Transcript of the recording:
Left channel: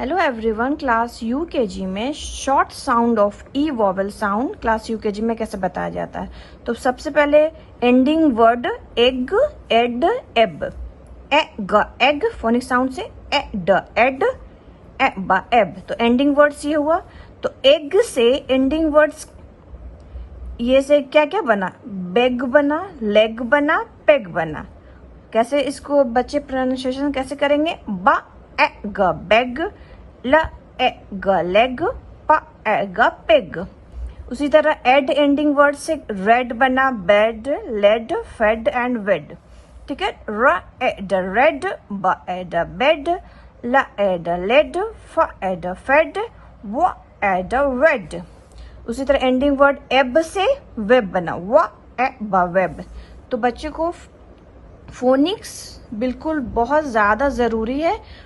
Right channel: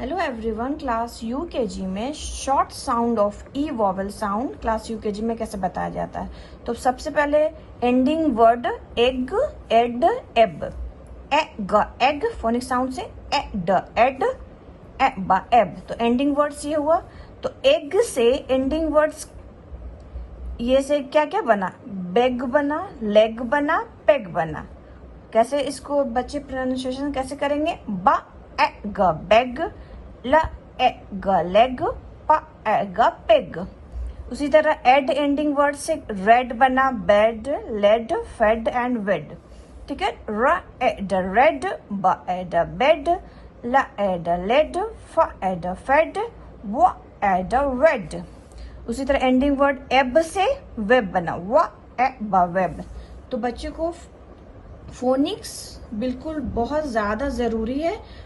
Hello everyone, class UKG में short sound of E vowel sound class UKG में कैसे बताया जाता है। तो सबसे पहले एंडिंग वर्ड एग, एड, एब, एग फोनिक साउंड से एड, एड, एब। तो एंडिंग वर्ड्स ये हुआ। तो एग से एंडिंग वर्ड्स ये से क्या क्या बना, बेग बना, लेग बना, पेग बना। कैसे इसको बच्चे प्रोनाउंसिएशन कैसे करेंगे, बा एग बेग, ल एग लेग, प एग पेग। उसी तरह एड एंडिंग वर्ड से रेड बना, बेड, लेड, फेड एंड वेड। ठीक है, र एड रेड, ब एड बेड, ल एड लेड, फ एड फेड, व एड वेड। उसी तरह एंडिंग वर्ड एब से वेब बना, व एब वेब। तो बच्चे को फोनिक्स बिल्कुल बहुत ज्यादा जरूरी है।